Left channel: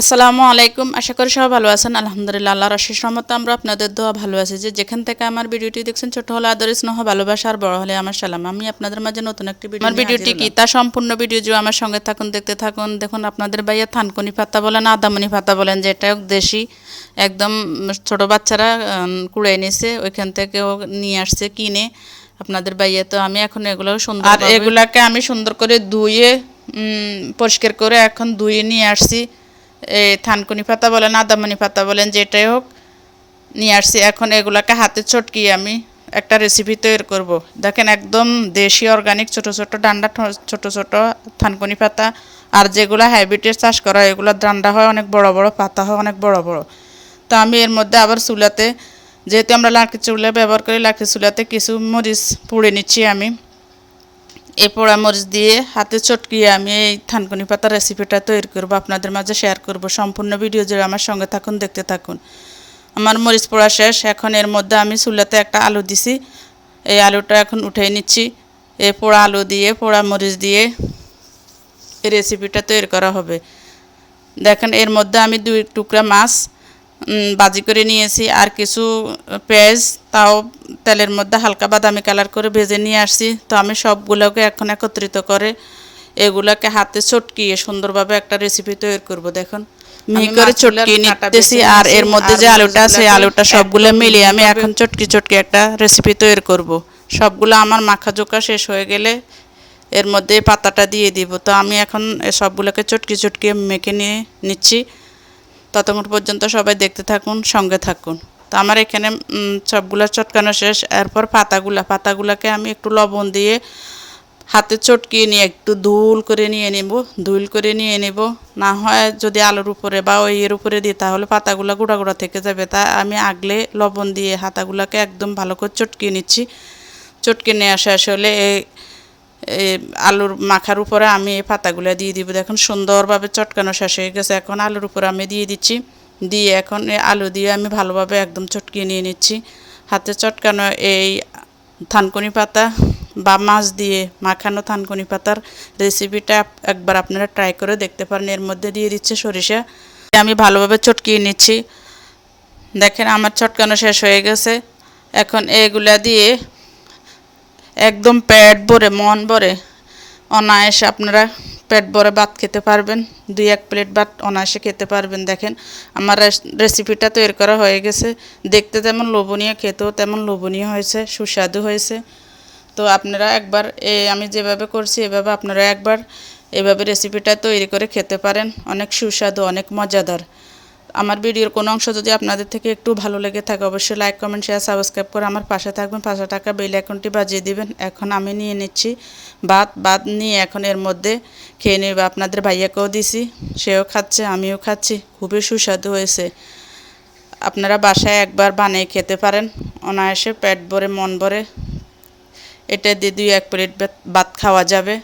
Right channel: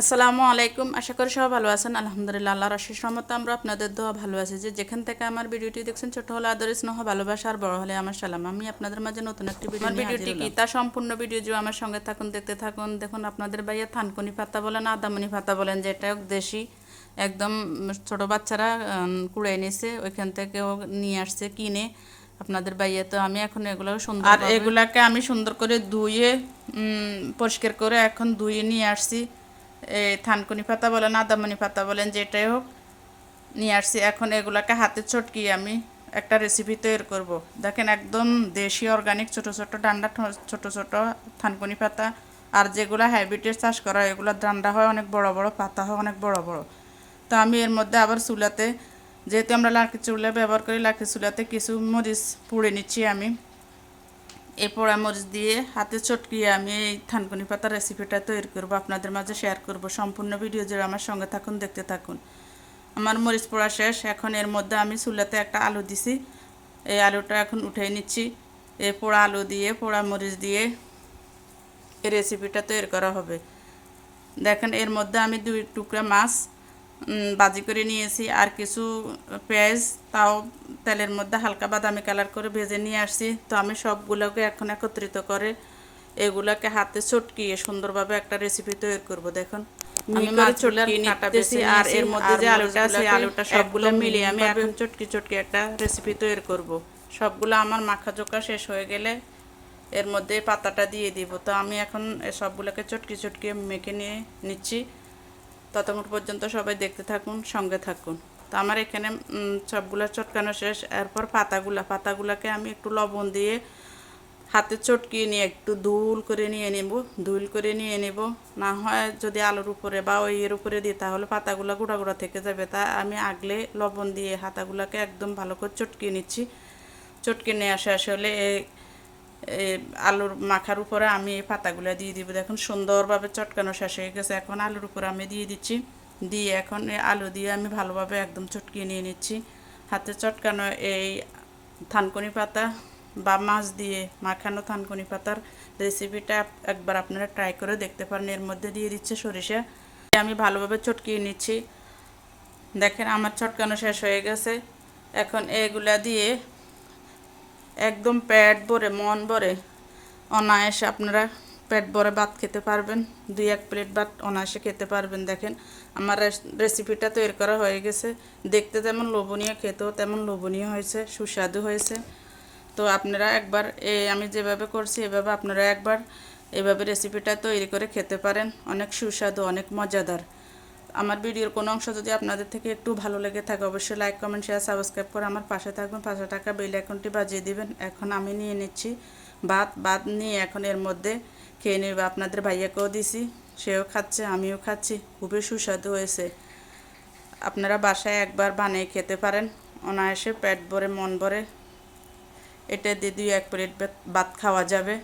আসসালামু আলাইকুম। আশা করি সবাই ভালো আছেন। আলহামদুলিল্লাহ, আল্লাহর অশেষ রহমতে আমরা আপনাদের দোয়া ভালো আছি। যেখান থেকে আমার ভিডিওটি দেখছেন, ছোট হলে আদর স্নেহ ভালোবাসা, আর বড় হলে আমার সালাম। আমি আপনাদের মাঝে নতুন একটি ভিডিও আমার ভিডিওটি কি তা সম্পূর্ণ ভিডিও যে আমার সঙ্গে থাকুন, দেখতে থাকুন। দেখুন, আপনাদের ভাইয়া থানকুনি পাতা বলেন, আদামনি পাতা বলেন, যেটা দেশি একদম ছোট বাচ্চারা কুড়ে নিছে, ওইখান থেকে নিয়ে আসছে কিনে আপনাদের ভাইয়া। তো আমি এখন এগুলো সুন্দর, আর এগুলাকে আমি সুন্দর করে ধুয়ে পরিষ্কার করে এখন ধুয়ে নিয়ে আসছি। থানকুনি পাতা বলেন, আদামনি পাতা বলেন, যেটাই হোক নিয়ে আসছি। এখন এগুলাকে হাতে চটকিয়ে আমি একটা রেসিপি তৈরি করব। দেখেন, একদম দেশি অর্গানিক ছোট ছোট ডান্ডা, ছোট ছোট থানকুনি পাতা। আর যেগুলো হাইব্রিডের চাষ করা, এগুলো ডান্ডা হয় অনেক বড় বড়, পাতা হয় অনেক বড় বড়। তো আমি এর মধ্যে আবার চুলাতে, যেহেতু আমরা লাকড়ি চুলা ব্যবহার করি, লাকড়ি চুলাতে কিছু মরিচ পুড়ে নিচ্ছি আমি। এই পোড়া মরিচ দিয়ে হাতে চটকিয়ে আমি এই থানকুনি পাতার রেসিপিটা তৈরি করব, আপনাদের মাঝে শেয়ার করব। সম্পূর্ণ ভিডিও জুড়ে আমার সঙ্গে থাকুন, দেখতে থাকুন। আমার মরিচ পোড়া শেষ। এখন এর মধ্যে আমি চুলাতে একটা আলু দিছি, এই আলুটা এখন উঠিয়ে নিচ্ছি। এই পোড়া আলু দিয়ে, পোড়া মরিচ দিয়ে এই রেসিপিটা তৈরি করা হবে। দেখেন, এর মধ্যে আমি 2 টুকরা মাছ ভাজি করে নিয়েছি, আর কিছু পেঁয়াজ তাও তেলের মধ্যে হালকা বাদামি কালার করে ভেজে নিয়ে আসছি। তো আমি সবগুলোকে এখন একত্রিত করে এগুলোকে হাতে চটকিয়ে সুন্দরভাবে একটা রেসিপি তৈরি করব। দেখুন, মিহি করে চটকিয়ে নিতেছি, আর এর মধ্যে যে আলুটা আছে, আলুটা সবগুলো মিলিয়ে আমি এখন চটকি চটকি একটা রেসিপি তৈরি করব। সবগুলো আমার মাখা জোকা শেষ হয়ে গেলে এর মধ্যে পাতাটা দিয়ে দিব। তো আমি এখন সবগুলোকে চটকি চটকি মেখে নিয়ে নিচ্ছি। ততক্ষণ পর্যন্ত সবাই দেখতে থাকুন, সঙ্গে থাকুন। তো আমার এখানে সবগুলো চটকানো শেষ। এরপর পাতাগুলোকে আমি একটু লবণ দিয়ে হাতে চটকিয়ে নিয়ে একটু ধুল করে নিয়ে নেব। না হয় যদি আলুর উপরে বা ওই এর উপরে দিই, তাহলে পাতাগুলো গুঁড়া গুঁড়া থেকে যাবে। তাই আমি আগলে লবণ দিয়ে হাতাগুলোকে একদম ভালো করে চটকিয়ে নিচ্ছি। চটকিয়ে নিয়ে শেষ হলে আলুর মাখার উপরে আমি এই পাতাগুলো দিয়ে দিব। দেখুন, সুন্দরভাবে চটকানো শেষ হয়ে গেছে। এখন আলুর উপরে আমি দিয়ে দিচ্ছি। দিয়ে এখন এই আলু দিয়ে আমি ভালোভাবে একদম চটকিয়ে নিয়ে নিচ্ছি। হাতে চটকানো এই থানকুনি পাতা বা মাছ দিয়ে মাখানো থানকুনি পাতার রেসিপিটা একবার আপনারা ট্রাই করে দেখতে পারেন। এর মধ্যে দিয়ে দিচ্ছে সরিষা। আমি ভালোভাবে চটকিয়ে নিচ্ছি। দেখেন, আমার চটকানো শেষ হয়ে গেছে। এখন এগুলা দিয়ে একদম পেট ভরে, মন ভরে, অনায়াসে আপনারা পেট ভরে ভাত খেতে পারবেন। 2-1 প্লেট ভাত অনায়াসে খেতে পারবেন। দেখেন, আমার রেসিপিটা তৈরি করা হয়ে গেছে। দেখতে তেমন লোভনীয়, খেতেও তেমন লোভনীয় হয়েছে, সুস্বাদু হয়েছে। তো আপনারা একবার আমি যেভাবে করছি এভাবে আপনারা একবার এভাবে রেসিপিটা তৈরি করে খেতে পারেন। অনেক সুস্বাদু, অনেক মজাদার। আমার ভিডিওর কোনো অংশ যদি আপনাদের থেকে একটু ভালো লেগে থাকে, অবশ্যই লাইক, কমেন্ট, শেয়ার, সাবস্ক্রাইব করে আমার পাশে থাকবেন। পাশে থাকা বেল আইকনটি বাজিয়ে দিবেন। এখন আমি নিয়ে নিচ্ছি ভাত নিয়ে এখন এর মধ্যে খেয়ে নেব। আপনাদের ভাইয়াকেও দিছি, সেও খাচ্ছে, আমিও খাচ্ছি। খুবই সুস্বাদু হয়েছে। আপনারা বাসায় একবার বানিয়ে খেতে পারেন, অনায়াসে পেট ভরে, মন ভরে। এটা দিয়ে 2-1 প্লেট ভাত খাওয়া যাবে।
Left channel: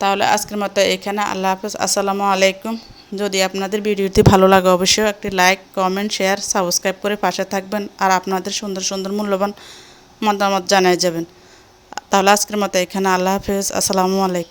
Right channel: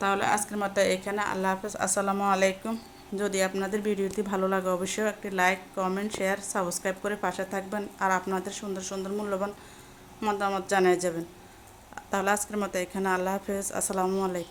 তাহলে আজকের মতো এখানে, আল্লাহ হাফেজ, আসসালামু আলাইকুম। যদি আপনাদের ভিডিওটি ভালো লাগে, অবশ্যই একটি লাইক, কমেন্ট, শেয়ার, সাবস্ক্রাইব করে পাশে থাকবেন। আর আপনাদের সুন্দর সুন্দর মূল্যবান মতামত জানিয়ে যাবেন। তাহলে আজকের মতো এখানে, আল্লাহ হাফেজ, আসসালামু আলাইকুম।